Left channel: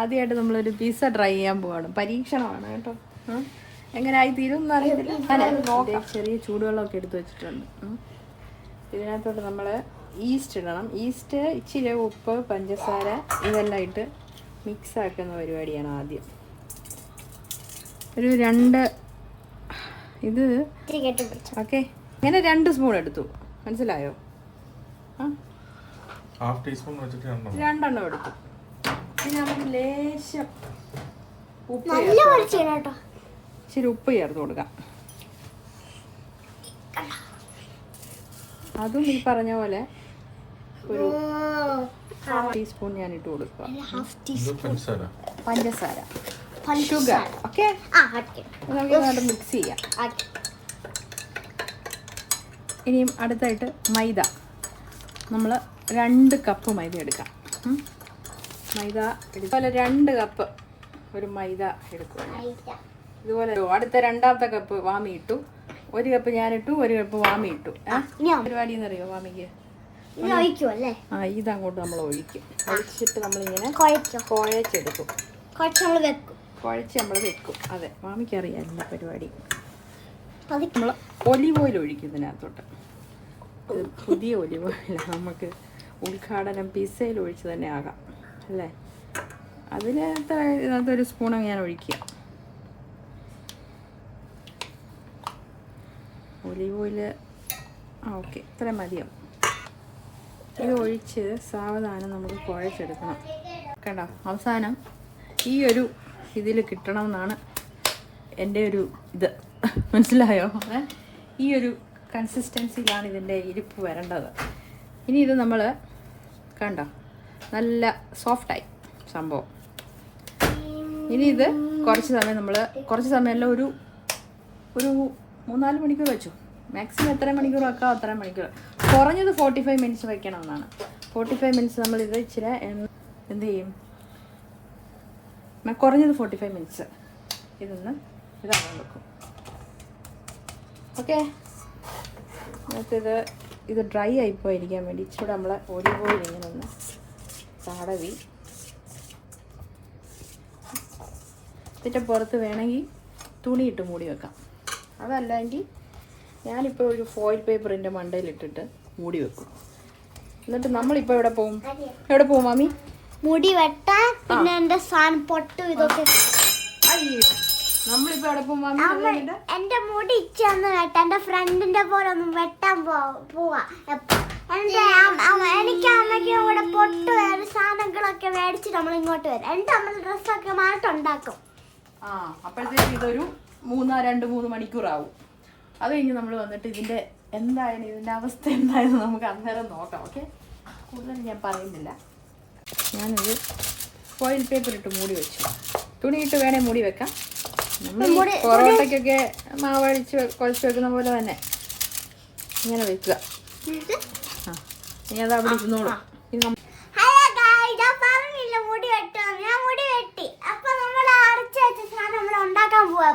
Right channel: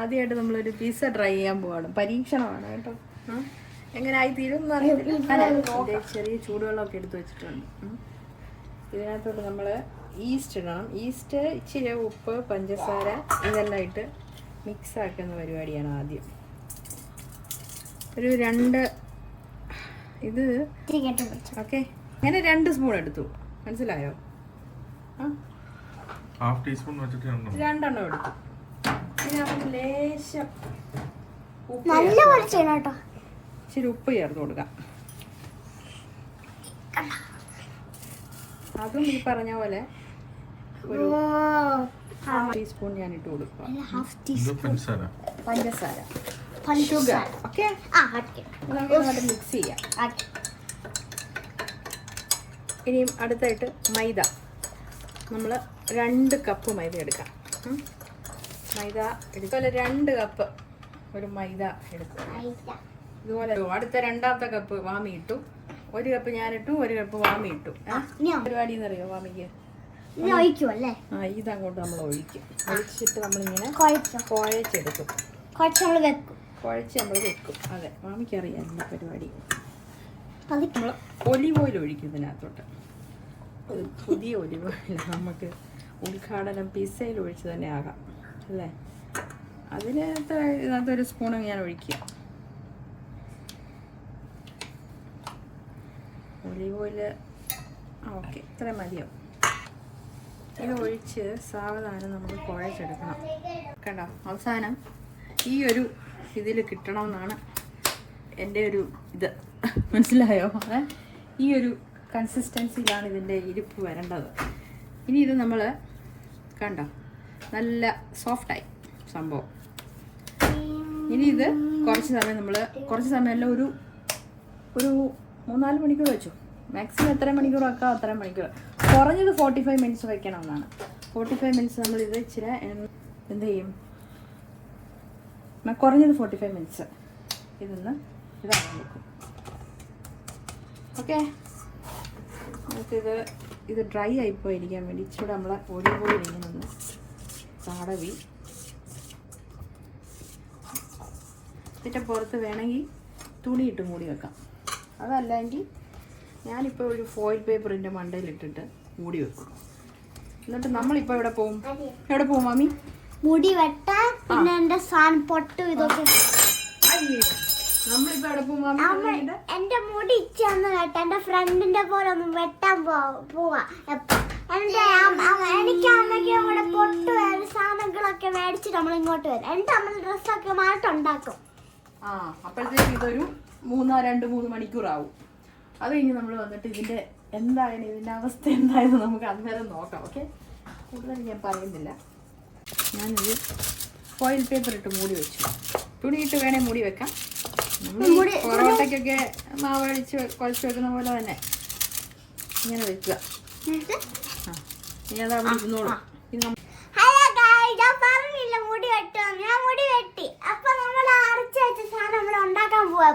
ആദ്യമായിട്ട് നമ്മളൊരു pizza try ചെയ്യാൻ പോവാണ്. പരീക്ഷണമാണ് കേട്ടോ. എങ്ങനെയായി തീരും എന്നറിയത്തില്ല. ചെറിയ ചൂടുവെള്ളമൊക്കെ എടുത്ത് വെച്ചിട്ടുണ്ട്. ഇതിനകത്തോട്ട് നമ്മൾ ഈസ്റ്റ് ഇടണം. ഈസ്റ്റ്, ഇച്ചിരി ഉപ്പ്, പഞ്ചസാര ഇതെല്ലാം ഇട്ട് മിക്സ് ആക്കുന്ന പരിപാടിയാണ് ആദ്യം. ഒരു 2 ഇത് ഓക്കെ, ഇങ്ങനെ 2 സ്പൂൺ എടുത്തു. മനസ്സിലായോ? ഹാഫ് ടീസ്പൂൺ വെച്ചിട്ട് 2 എടുത്തു. പിന്നെ നമുക്ക് ലേശം ഇച്ചിരി ഉപ്പ് ചേർത്ത് കൊടുക്കാം. അതും ഈ പറഞ്ഞ പോലെ ഒരു ടീസ്പൂൺ ഞാൻ ഇട്ട് കൊടുക്കുക. പഞ്ചസാര, ഷുഗർ. ഓക്കെ, നമുക്ക് മിക്സ് ചെയ്യാം. ഇനിയും അടുത്തായിട്ട് മൈദ. നമ്മൾ 2 കപ്പ് മൈദ എടുക്കാം. മൈദ ഇതുപോലെ 2 കപ്പ് ഒരു മൈദ എടുക്കുക. ഇതുപോലെ അടുത്ത 2ാമത്തെ കപ്പ് വാമി ഇട്ടു. 1 കപ്പ് ഞാനിട്ടു, 1 കപ്പ് വാമി ഇട്ടു. പരിപാടി എന്നറിയോ വാമിക്ക്? ഇതങ്ങോട്ട് നമ്മൾ ഒഴിക്കും. ഒഴിച്ചിട്ട് നമ്മളിങ്ങനെ കുഴച്ചെടുക്കും. കുഴച്ച് നമ്മൾ വെക്കും. അതെ, മാമിക്ക് അറിയാം എല്ലാ പരിപാടി. നമ്മൾ ഒലിവ് ഓയിൽ ഒഴിക്കും ഇതിനകത്തോട്ട്. പുതിയ ഒലിവ് ഓയിൽ നമുക്ക് ഉദ്ഘാടനം പിസ്സയിൽ ഒഴിച്ച് തന്നെ ആകാം അല്ലേ? ഇതിനകത്തൊരു സ്പൂൺ ഞാൻ ഒഴിക്കുക. ഒലിവ് ഓയിൽ ഓക്കെ, ഇത്രയും മതിയോ? ഇത് ഒഴിച്ച് സാവധാനം നമുക്ക് കുഴച്ചെടുക്കണം. കണ്ടോ, അവസാനം ഈ ഒരു ഇതിൽ കിട്ടണമെന്നാണ് എൻ്റെ ഒരു ഇത്. മനസ്സിലായോ? ഈ ഒരു കൺസിസ്റ്റൻസിയിലാണ് ഇതിൻ്റെ ഇരിപ്പ് വരേണ്ടത്. ഇനി ഇത് നമ്മൾ കണ്ടോ, നല്ല സോഫ്റ്റായി സംഭവം. ഇനി ഇത് കുറച്ച് സമയമല്ല, ഒരു 3-4 മണിക്കൂർ വെച്ചു. മാക്സിമം എത്ര മണിക്കൂർ വെക്കാം അത്രയും മണിക്കൂർ. കുറഞ്ഞത് 45 മിനിറ്റ്സ് വയ്ക്കണമെന്നാണ്. 45 മിനിറ്റ്സ് നമ്മളിത് ഇച്ചിരി എന്ത് ചെയ്യും, കുറഞ്ഞത് 45 മിനിറ്റ്സ് ഇതാകാൻ വെക്കും. ഓക്കെ, നമുക്കിത് ഡ്രൈ ആയിപ്പോയിരിക്കാൻ വേണ്ടി ഇച്ചിരി നമ്മളെ ഒലിവ് ഓയിൽ ഇങ്ങനെ ഒന്ന് തടവി ഇതിൻ്റെ പുറത്ത് വേണമെങ്കിൽ തുണിയിട്ട് മൂടി വെക്കാം. അതല്ലെങ്കിൽ ഞാനിപ്പോൾ ഒരു ഫോയിൽ പേപ്പറിൻ്റെ മണ്ടയിലിട്ടിട്ട് മൂടി വെക്കും. എന്നിട്ട് നമ്മളിപ്പോൾ എവിടെ പോവും മാമി? മുടി വെട്ടാൻ. പിന്നെ എന്റെ സാധനം പൊട്ടും ഇതൊക്കെ. നമ്മളിപ്പോ എവിടെ പോവും മാമി? എന്റെ മുടി ഇച്ചൊന്ന് വെട്ടാൻ, എന്റെ ഫ്രണ്ടിന്റെ പോലെ ഒന്ന് വെട്ടാൻ പോവാ. എനിക്ക് അമ്മയ്ക്ക് കൂടെ പൊട്ട് വേറെ സാധനങ്ങളൊക്കെ മേടിച്ചിട്ട് നമ്മൾ ഇങ്ങോട്ട് വരും. എന്റെ അമ്മ ഡ്രസ്സൊക്കെ മാറ്റുണ്ടാക്കും. അപ്പോഴത്തേക്ക് ഇതൊരു 2-3 മണിക്കൂറാവും. അത് കഴിഞ്ഞ് നമ്മൾ വന്നിട്ട് ഇതിന്റെ അവസ്ഥ എന്തായെന്ന് നമുക്ക് അന്നേരം നോക്കാം. ഓക്കെ, കൂടുതൽ ഞാൻ പറയുന്നില്ല. ഞാനിത് ഫോയിൽ പേപ്പർ ഇട്ട് മൂടി വെച്ചു. തുണിയിട്ട് വേണേ മൂടി വെക്കാം. നമ്മൾ പൊറോട്ടയ്ക്കൊക്കെ മാവഴിച്ച് കുഴച്ച് വെക്കുന്ന പോലെ തന്നെ ഇങ്ങനെ വെക്കുക. ഇനി അത് അവിടെ ഇരുന്നോളൂ. മുടി വെട്ടും, ഞാൻ മുടി വെട്ടി. അപ്പൊ നമ്മൾ അരച്ച് വെച്ച സാധനം നമ്മൾ ഉണ്ടാക്കാൻ പോവാ.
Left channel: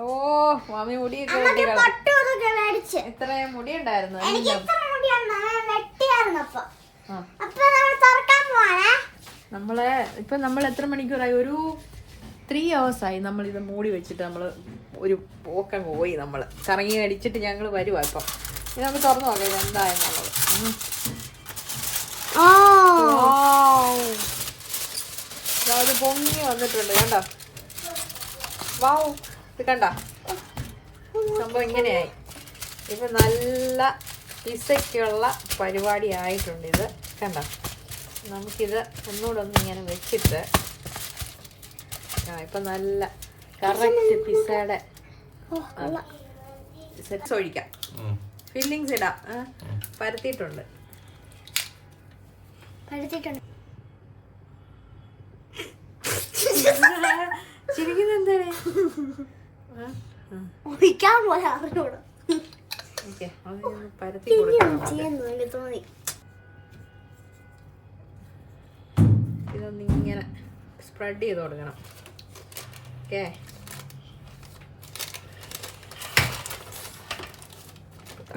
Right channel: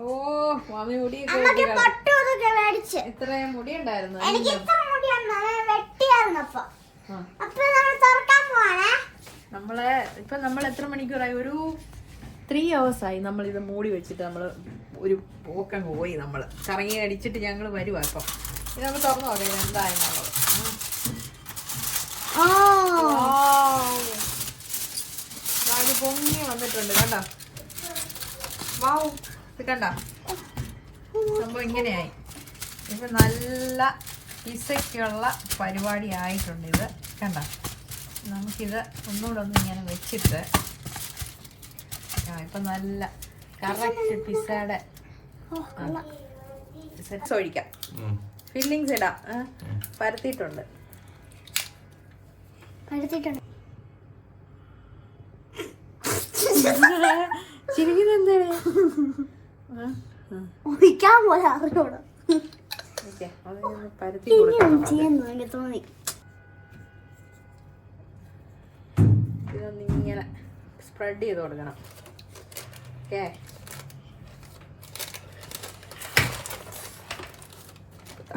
ഓ മാമി മുടി ഇത്രയും മുടി ഉണ്ടായിരുന്നു. എനിക്ക് ഇത്ര മുടിയാണ് വെട്ടിയായിരുന്നു. അപ്പൊ നമ്മൾ തുറക്കാൻ പോവാണേ. നമ്മൾ എത്ര മണിക്കൂറായി? ഒരു 3 hours ആയി നമ്മളിത് മൂടി വെച്ചിട്ട്. നമ്മൾ ഒരു പോക്കം പോയി, നമ്മൾ കറങ്ങി അടിച്ചിട്ട് ഞങ്ങൾ വരുവാ. ഇപ്പം ഇത് നമ്മൾ തുറന്നു നോക്കാം എന്തായെന്നുള്ളത്. അത് പൊങ്ങി വന്നിട്ടുണ്ട് കണ്ടോ? വാവ്, ഇത് കണ്ടോ സംഭവം ഇങ്ങനെയായി. ഇപ്പൊ നല്ല പിസയ്ക്കുള്ള പരിപാടി ആയിട്ടുണ്ട്. ഇത് കണ്ടോ? നമുക്കിത് ഒന്നുകൂടെ ഇങ്ങനെ വെച്ചിട്ട് ഇപ്പൊ നല്ല കറക്റ്റ് പിസയുടെ സെറ്റ്സ് ഒഴിക്കാം. ഫില്ലിങ്സ് ഇടാം. പരത്തിയിട്ടുണ്ട്. ചിരിക്കുന്നത് എന്താണ്? പരത്തി ഇതൊന്നിങ്ങനെ സ്പ്രെഡ് ചെയ്ത് കൊടുക്കണം. ഓക്കെ,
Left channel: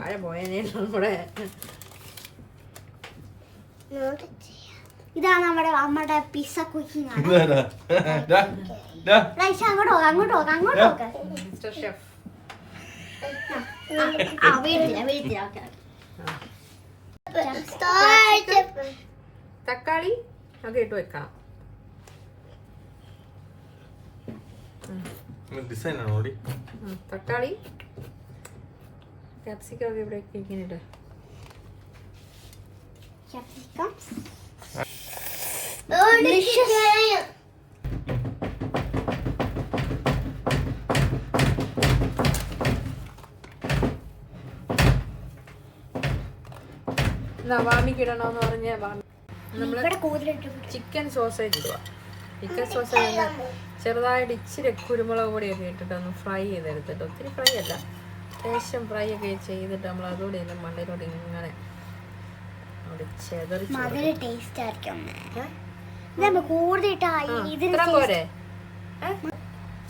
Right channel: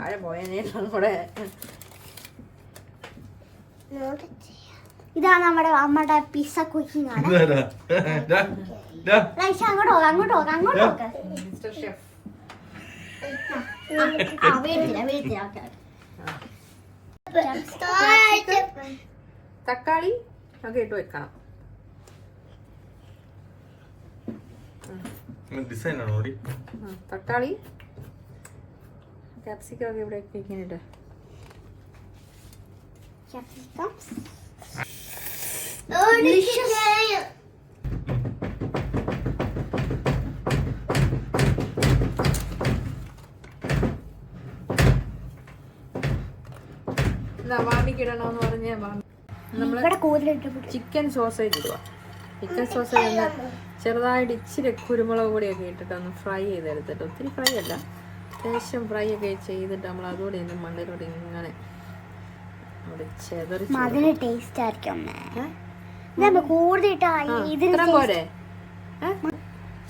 താഴെ പോയതിനെ നമ്മുടെ ഇതാ നമ്മുടെ പിസ്സ കുക്കിംഗ് ആണ്. അങ്ങോട്ട് നോക്ക്. Mister chef. തക്കാളി ഒക്കെ ഇട്ട് വെക്കണം. തക്കാളി ക്യാപ്സിക്കം ഒക്കെ ഇവിടെ ഇങ്ങനെ ഇട്ട്. വാമിക്ക് ഇടണമെന്ന് പറഞ്ഞാൽ ചിക്കൻ സോസേജ് ഇടുക. ചിക്കൻ സോസേജ് ചെറുതായിട്ട് ഇച്ചിരി കുരുമുളക് പൊടിയൊക്കെ ഇട്ടിട്ട് ഒന്ന് ഫ്രൈ ചെയ്തെടുത്തിട്ട്, ഒത്തിരി ഫ്രൈ അല്ല, ലേശം ഫ്രൈ ഒക്കെ ചെയ്തിട്ട് നമ്മൾ അതോടെ ഇന്ന് മണ്ണിലൂടെ ഇങ്ങനെ ടേസ്റ്റ് ആയിരിക്കും.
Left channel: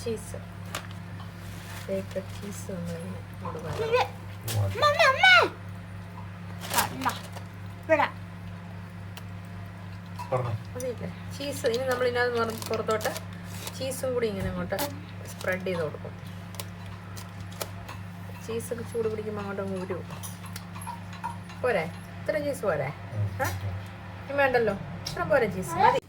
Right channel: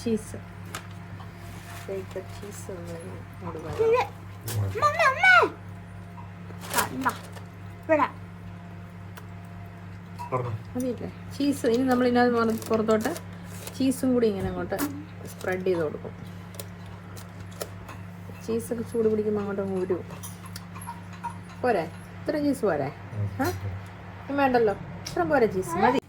ചീസ് ചീസ് ചീസ് ഇനി നമ്മൾ ഇതിനകത്ത് പുറത്തോട്ട് ചീസും കൂടി ഇങ്ങനെ അങ്ങോട്ട് സ്പ്രെഡ് ചെയ്ത് കൊടുക്കും. ചീസൊക്കെ ചൂട് പിടിക്കുമ്പോൾ അങ്ങോട്ട് ഊരും. പോരെ? ഇത്ര ചീസ് പോരെ? വേണ്ടല്ലോ, ഇത്ര പോരെ ചീസ് മതി.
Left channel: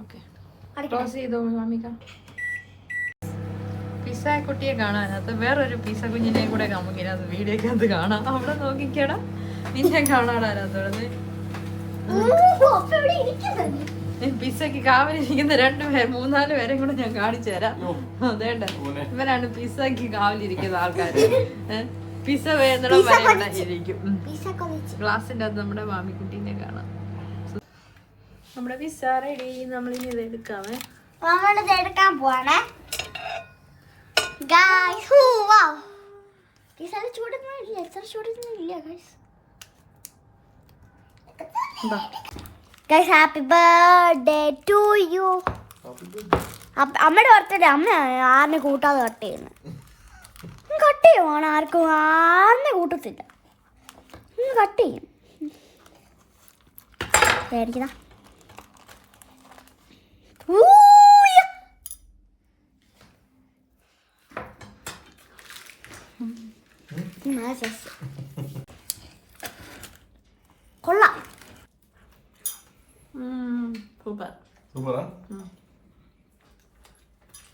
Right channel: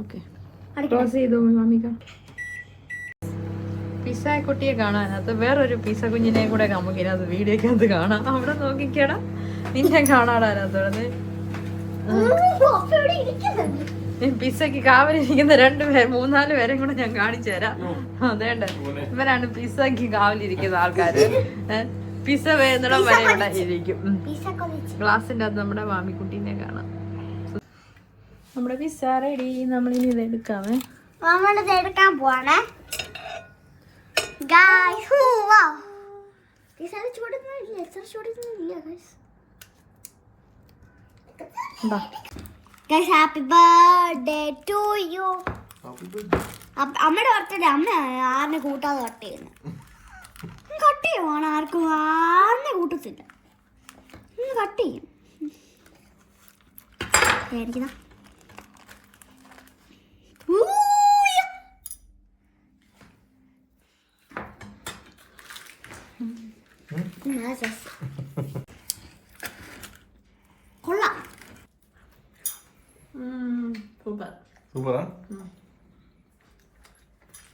ഓക്കെ, ക്ലോസ് ചെയ്തോ മാമിക. പിസ്സ കുട്ടിയെ കാണാനകത്ത് വേറൊരു പിസ്സ കുഞ്ഞിനെ കൂടെ നമുക്ക് ഇതിനകത്ത് വീഡിയോക്കകത്ത് കാണാം. അവിടെ നോക്കിക്കടാ, നിന്നെ കാണാടാനകത്തോടെ പിസ്സക്ക് കാവലിരിക്കുന്ന 2 പേര് 3-4 പേരെ കൂടെ ഞാൻ കാണിച്ചു തരാം. അതേണ്ട, ഇവരാണ് പിസ്സക്ക് കാവലിരിക്കുന്ന ആൾക്കാര്. പിസ്സ വേന്നിടം വരെ ഇവിടെ ഇരിക്കും. ഗ്ലാസിന്റെ അകത്ത് നമ്മുടെ മാമിക്കുട്ടീനെ കാണാം. നമ്മുടെ പിസ്സ റെഡി. നമ്മളിത് എടുക്കാമേ. നമ്മളിത് എടുക്കാൻ പോവാണേ. Happy birthday to you. അമ്മയുടെ ബർത്ത്ഡേ അമ്മ ആറിനെ കൂട്ടാതെ കട്ട് ചെയ്യുന്നു. കട്ട് ചെയ്യുവാണ്, ആർക്കും ആറിനെ കൂട്ടത്തില്ല, കട്ട് ചെയ്യും. പേടിക്കുന്ന കൊള്ളാം. സൂപ്പർ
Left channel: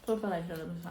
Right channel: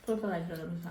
സൂപ്പർ ആയിട്ടുള്ള പിസ്സ.